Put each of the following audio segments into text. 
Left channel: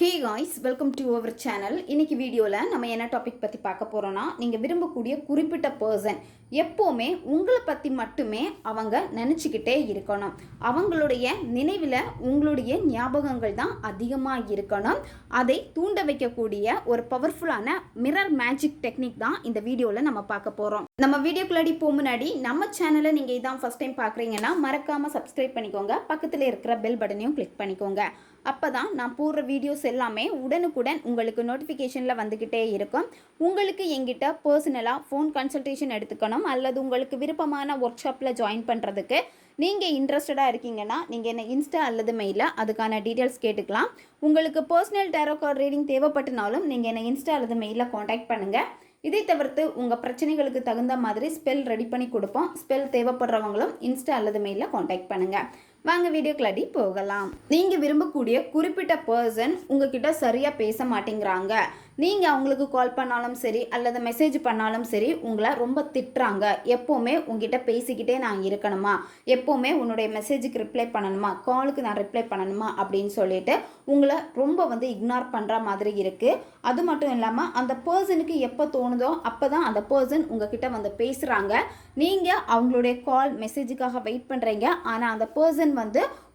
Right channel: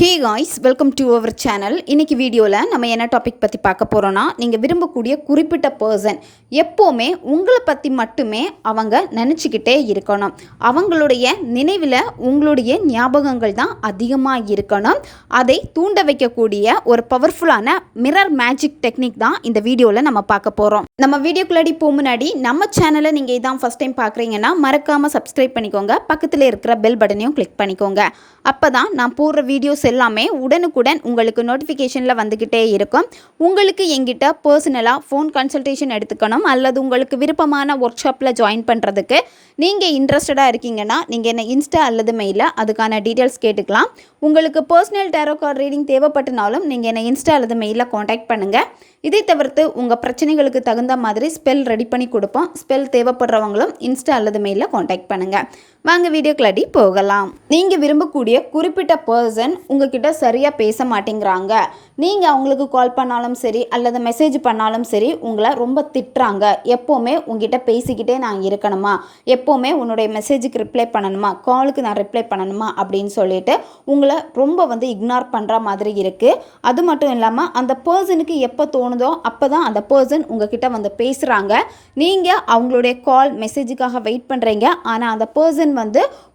Hey guys, welcome to our channel. இன்றைக்கி வீடியோவில் நம்ம என்ன டாபிக் பற்றி பார்க்க போகிறோன்னா, நீங்கள் விரும்பக்கூடிய குறிப்பிட்ட பர்சன் எப்போவுமே உங்களை பற்றி மட்டுமே அவங்க நினச்சிக்கிட்டே இருக்கணும். அவங்களுடைய நினைவில் உங்களுடைய ஞாபகங்கள் தான் அதிகமாக இருக்கணும். அதை தூண்ட வைக்கக்கூடிய ஒரு பவர்ஃபுல்லான மிரர் மேஜிக் டெக்னிக் தான் இந்த வீடியோவில் நம்ம பார்க்க போகிறோம். நம்ம வீடியோக்குள்ளாடி போக முன்னாடி நம்ம சேனலை நீங்கள் இதான் ஃபஸ்ட் டைம் பார்க்குறீங்கன்னா மறக்காமல் சப்ஸ்கிரைப் பண்ணிக்கோங்க. பக்கத்தில் இருக்கிற பெல் பட்டனையும் கிளிக் பண்ணிக்கோங்க. அப்போ தான் நான் போடுற வீடியோஸ் எல்லாமே உடனுக்குடன் உங்களுக்கு நோட்டிஃபிகேஷனில் வந்துக்கிட்டே இருக்கும். உங்களுக்கு எங்கிட்ட பர்சனலாக ஃபோன் கன்சல்டேஷன் எடுத்துக்கணும் அல்லது உங்களுக்கு விருப்பமான ஒர்க் ஷாப்பில் ஜாயின் பண்ணுறதுக்கு நீங்கள் இன்ட்ரெஸ்டடாக இருக்கீங்கன்னா நீங்கள் என்ன இன்ஸ்டா அல்லது மெயிலில் அதுக்கான டீட்டெயில்ஸ் கேட்டுக்கலாம். உங்களுக்கு பர்சனல் டேரோ கார்டு ரீடிங் தேவைப்பட்டனாலும் நீங்கள் என்ன இன்ஸ்டா அல்லது மெயிலில் காண்டாக்ட் பண்ணுங்கள். இதை தவிர்த்து உங்கள் பிரச்சனைகளுக்கு தகுந்த மாதிரி ஸ்பெல் ரெடி பண்ணி கொடுப்போம். ஸ்பெல் தேவைப்படுறவங்களும் இன்ஸ்டா அல்லது மெயிலில் காண்டாக்ட் பண்ணுங்கள். வாங்க வீடியோக்குள்ளாடி போகலாம். நீங்கள் விரும்பக்கூடிய குறிப்பிட்ட பர்சன் உங்ககிட்ட சரியாக பேச மாட்டேங்கிறாங்க. நீங்கள் அவங்களுக்கு கால் பண்ணாலும் சரி அல்லது மெசேஜ் பண்ணாலும் சரி உங்களை ரொம்ப திட்டுறாங்க. எப்போவுமே உங்ககிட்ட பேசிக்கிட்டே நான் இருக்கணுமா, எப்போவுமே உன்னுடைய மெசேஜுக்கு ரிப்ளை பண்ணணுமா, காலுக்கு நான் ரிப்ளை பண்ணணுமா அப்படின்னு சொல்லிட்டு உங்களை ரொம்ப இக்னோர் பண்ணுற மாதிரி இருக்குது. அது மட்டும் இல்லாமல் அந்த பர்சனுக்கு எப்போ தோணுதோ அப்போ தான் அந்த பர்சன் உங்ககிட்ட பேசுகிறாங்க. நீங்கள் அவங்களுடைய கால் மெசேஜுக்காக வெயிட் பண்ணுறீங்க. ஆனால் அந்த பர்சன்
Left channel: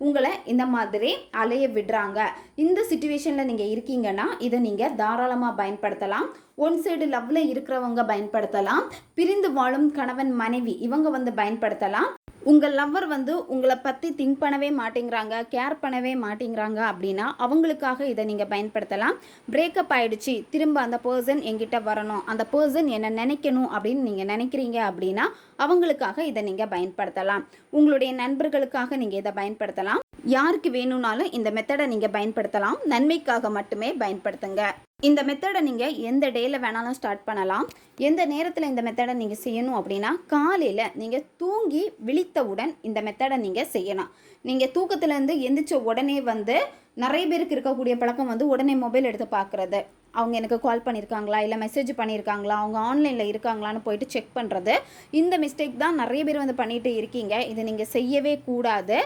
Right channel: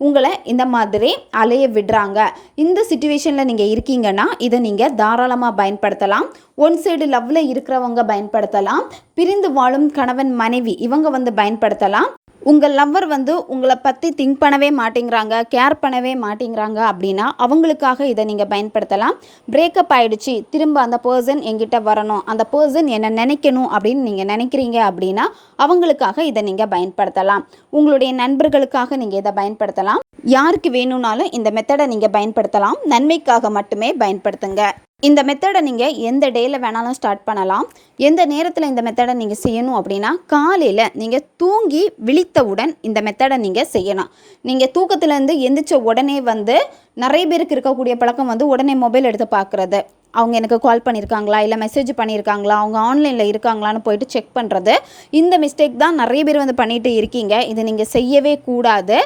உங்களை இந்த மாதிரி அலைய விடுறாங்க. இந்த சிச்சுவேஷனில் நீங்கள் இருக்கீங்கன்னா இதை நீங்கள் தாராளமாக பயன்படுத்தலாம். ஒன் சைடு லவ்வில் இருக்கிறவங்க பயன்படுத்தலாம். பிரிந்து வாழும் கணவன் மனைவி இவங்க பயன்படுத்தலாம். உங்கள் லவ்வர் உங்களை பற்றி திங்க் பண்ணவே மாட்டேங்கிறாங்க, கேர் பண்ணவே மாட்டேங்கிறாங்க அப்படின்னா அவங்களுக்காக இதை நீங்கள் பயன்படுத்தலாம். பிரேக்கப் ஆகிடுச்சு, திரும்ப அந்த பர்சன் என்கிட்ட வரணும், அந்த பர்சன் என்னை நினைக்கணும் அப்படின்னு நீங்கள் நினைக்கிறீங்க அப்படின்னா அவங்களுக்காக இதை நீங்கள் பயன்படுத்தலாம். உங்களுடைய நண்பர்களுக்காக நீங்கள் இதை பயன்படுத்தலாம். யாருக்கு வேணும்னாலும் இந்த மெத்தடை நீங்கள் பயன்படுத்தலாம். நன்மைக்காக மட்டுமே பயன்படுத்துங்க. இந்த மெத்தடை நீங்கள் எந்த டேயில் வேணாலும் ஸ்டார்ட் பண்ணலாம். எந்த நேரத்தில் இந்த மெத்தடை நீங்கள் செய்யணும் அப்படின்னா காலையில் நீங்கள் தூங்கி விழித்தவுடன் இந்த மெத்தடை நீங்கள் செய்யணும். நீங்கள் தூக்கத்துலேருந்து எந்திரிச்ச உடனே நிறைய பேருக்கு இருக்கக்கூடிய பழக்கம் உடனே மொபைல் எடுத்து பார்க்குறது. அவங்க எனக்கு கால் பண்ணியிருக்காங்களா இல்லை மெசேஜ் பண்ணியிருக்காங்களா, அவங்க ஆன்லைனில் இருக்காங்களான்னு போயிட்டு செக் பண்ணுறது. இந்த மிஸ்டேக் தான் நிறைய பேர் பண்ணிட்டு இருக்கீங்க. இது நீங்கள் செய்யவே கூடாது.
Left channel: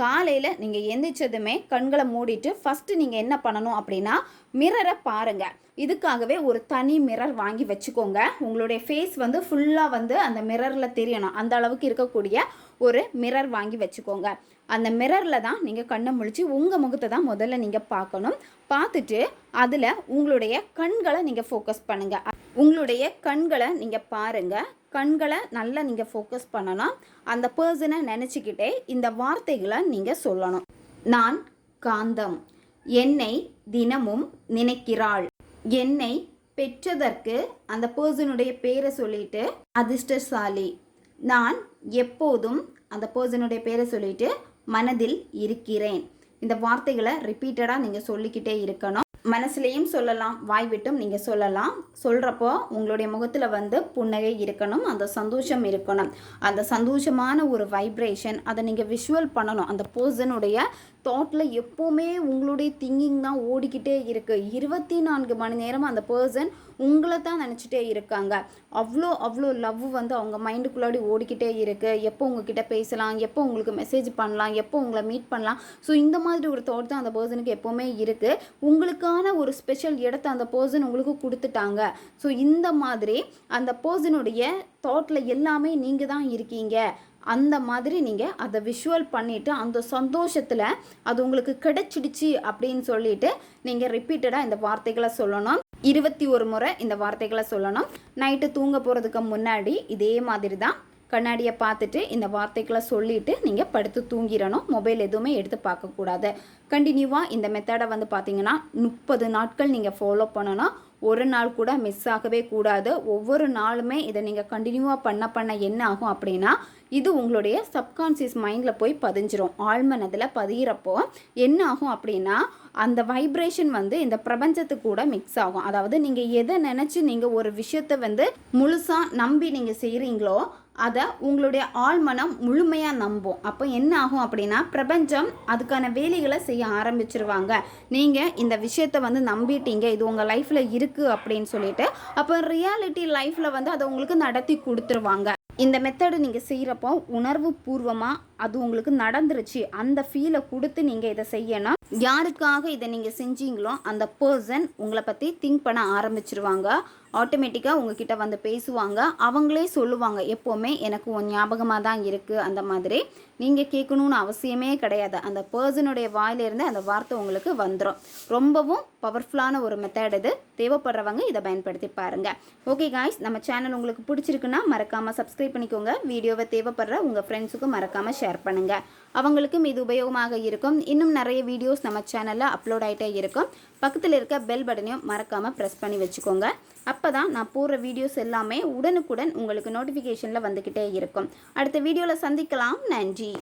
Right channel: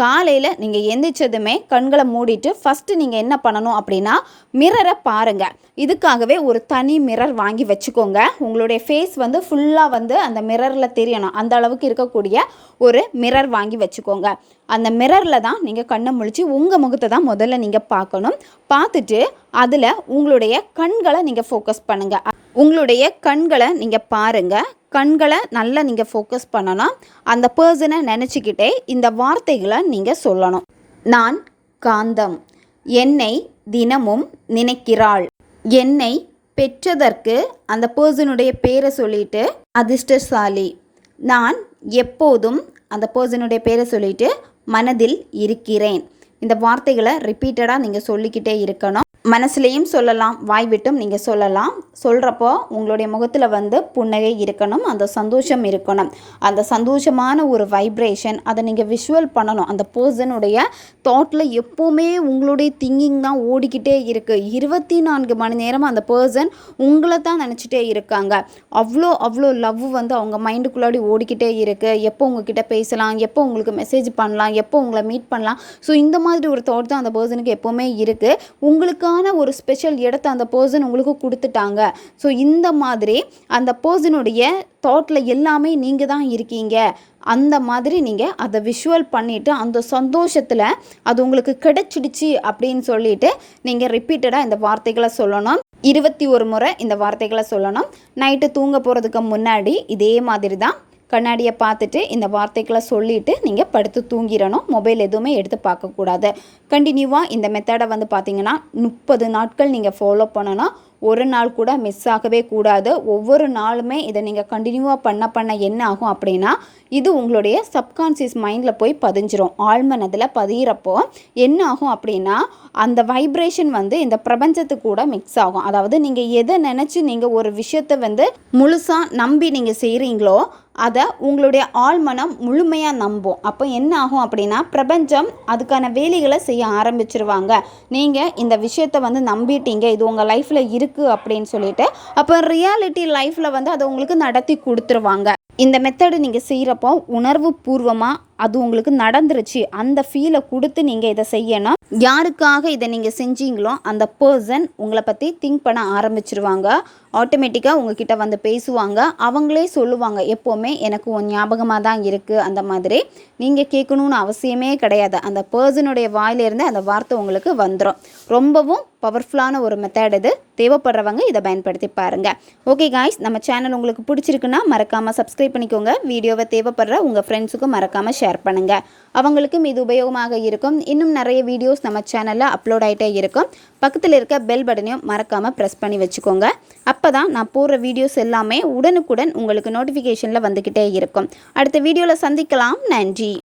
காலையில் நீங்கள் எந்திரிச்சதுமே கண்களை மூடிட்டு ஃபஸ்ட்டு நீங்கள் என்ன பண்ணணும் அப்படின்னா மிரரை பாருங்கள். இதுக்காகவே ஒரு தனி மிரர் வாங்கி வச்சுக்கோங்க. உங்களுடைய ஃபேஸ் ஃபுல்லாக அந்த மிரரில் தெரியணும். அந்த அளவுக்கு இருக்கக்கூடிய ஒரு மிரர் வாங்கி வச்சுக்கோங்க. அந்த மிரரில் தான் நீங்கள் கண்ணை முழிச்சு உங்கள் முகத்தை தான் முதல்ல நீங்கள் பார்க்கணும். பார்த்துட்டு அதில் உங்களுடைய கண்களை நீங்கள் ஃபோக்கஸ் பண்ணுங்கள். உங்களுடைய கண்களை நீங்கள் பாருங்கள். கண்களை நல்லா நீங்கள் ஃபோக்கஸ் பண்ணணும். அந்த பர்சனை நினச்சிக்கிட்டே இந்த வார்த்தைகளை நீங்கள் சொல்லணும். நான் காந்தம், என்னை தினமும் நினைக்கிறாள். என்னை பெற்றதற்கு அந்த பர்சனுடைய பேரை சொல்லிட்டு அதிர்ஷ்டசாலி. நான் எப்போதும் அந்த பர்சனுடைய பேரை சொல்லிட்டு மனதில் இருக்கிறேன். இந்த வார்த்தைகளை ரிப்பீட்டடாக நீங்கள் சொல்லிக்கிட்டே இருக்கணும். மனசுலேயும் சொல்லலாம், வாய் விட்டும் நீங்கள் சொல்லலாம். சொல்கிறப்போ உங்களுடைய முகத்தில் புன்னகை இருக்கணும், அந்த சந்தோஷம் இருக்கணும். அந்த சந்தோஷமான ஒரு வைப்ரேஷன் அதை நீங்கள் விஷுவல் பண்ணணும். அந்த பர்சனுடைய தாட்டில் எப்போவுமே உங்களுடைய திங்கிங் தான் ஓடிக்கிட்டே இருக்குது. 24 மணி நேரம் அந்த பர்சன் உங்களை தான் நினச்சிட்டே இருக்காங்க. அவ்வளோ லவ் அவங்க மைண்டுக்குள்ளாடி ஓடிக்கிட்டே இருக்குது. எப்போ உங்ககிட்ட பேசலாம், எப்போ உங்களுக்கு மெசேஜ் பண்ணலாம், எப்போ உங்களை மீட் பண்ணலாம். ஸோ இந்த மாதிரி ஒரு தாட் தான் அந்த பர்சனுக்கு எப்போவுமே இருக்குது. உங்களுக்கு ஒரு ஸ்பெஷல் இடத்தை அந்த பர்சன் உங்களுக்கு கொடுத்துட்டாங்க. ஸோ இந்த மாதிரி அந்த பர்சனுடைய தாட்டில் எல்லாமே நீங்கள் தான் இருக்கீங்க. அந்த மாதிரி நீங்கள் அதை விஷுவல் பண்ணிவிட்டு அந்த சந்தோஷத்தில் அது உங்களுக்கு கிடைச்சிடுச்சு அப்படின்னு சொல்லிட்டு நீங்கள் ரிப்பீட்டடாக இந்த வார்த்தைகளை சொல்லணும். 21 முறை இந்த வார்த்தைகளை சொல்லணும். நைட்டு தூங்க போகிறதுக்கு முன்னாடி இதே மாதிரி தான் கண்ணாடியை பார்த்துட்டு இந்த வார்த்தைகளை சொல்லிவிட்டு நீங்கள் படுத்து தூங்கிடணும். மொபைல் எதுவுமே எடுத்து பார்க்கக்கூடாது. கண்டினியூவாக இந்த மெத்தடை பார்த்தீங்கன்னா 30 நாட்கள் நீங்கள் ஃபாலோ பண்ணணும். ஒரு நாள் கூட மிஸ் ஆகவே கூடாது. ஒவ்வொரு நாளுமே இதை நீங்கள் கண்டினியூவாக பண்ண என்ன ஆகும் அப்படின்னா இது உங்களுடைய சப்கான்சியஸ் மைண்டில் போய் பதிஞ்சிரும். ஆழ்மனதில் பதிகிறப்போ என்ன ஆகும் அப்படின்னா அந்த வைப்ரேஷன் இந்த பிரபஞ்சத்துக்கு கூட மிக்ஸ் ஆகும். அதாவது நீங்கள் எதை நினச்சி நீங்கள் ஒரு விஷயத்தை முழுசாக நம்பி நீங்கள் செய்கிறீங்களோ அதை உங்களுடைய ஆழ்மனம் முழுமையாக நம்பும். அப்போ என்ன ஆகும் அப்படின்னா பிரபஞ்சம் அதுக்கான வேலைகளை செய்ய ஆரம்பிச்சிருவாங்க. நீங்கள் இந்த விஷயத்தை நம்பிட்டீங்க, இது உங்கள் லைஃப்பில் இருக்குது அப்படின்னு சொல்லிட்டு அப்போ ரியாலிட்டி லைஃப்பில் அதை உங்களுக்கு நடத்தி கொடுத்துருவாங்க. இந்த மெத்தடு நீங்கள் செய்கிறப்போ உணர்வு பூர்வமாக அது உங்களுக்கு நடந்துருச்சு அந்த ஃபீலை கொடுத்து நீங்கள் இதை செய்யணும். யாருக்காக இதை நீங்கள் செஞ்சீங்களோ அந்த பர்சன் உங்களை பற்றி திங்க் பண்ண ஆரம்பிச்சிருவாங்க. ஆட்டோமேட்டிக்காக உங்ககிட்ட வந்து பேசுவாங்க. அவங்களே சொல்லுவாங்க, எப்போவுமே எனக்கு உன் ஞாபகமாக தான் இருக்குது. அந்த மாதிரி நீங்கள் கேட்கணுன்னு அவசியமே கிடையாது. அந்த பர்சனுடைய வாயிலிருந்து அந்த வார்த்தை உங்களுக்கு வந்துடும். ரொம்பவும் பவர்ஃபுல்லான ஒரு மெத்தட் இது. தேவைப்படுறவங்க இதை பயன்படுத்தி பாருங்கள். ஓகே காய்ஸ், நம்ம சேனல் உங்களுக்கு பிடிச்சிருக்குன்னா மறக்காமல் சப்ஸ்கிரைப் பண்ணிக்கோங்க. வீடியோவை தேவைப்படுற உங்கள் ஃப்ரெண்ட்ஸுக்கும் மறக்காமல் ஷேர் பண்ணுங்கள். அவங்களுக்கும் இது உபயோகமாக இருக்கும். இன்னும் நிறைய வீடியோஸ் நம்ம சேனலில் அப்லோட் ஆகிட்டே இருக்கும். பக்கத்தில் இருக்க பெல் பட்டனையும் மறக்காமல் ப்ரெஸ் பண்ணி வச்சுக்கோங்க. அப்போ தான் நான் போடுற வீடியோஸ் எல்லாமே உடனுக்குடன் உங்களுக்கு நோட்டிஃபிகேஷனில் வந்துக்கிட்டே இருக்கும். அடுத்த வீடியோவில் சந்திக்கலாம். நன்றி.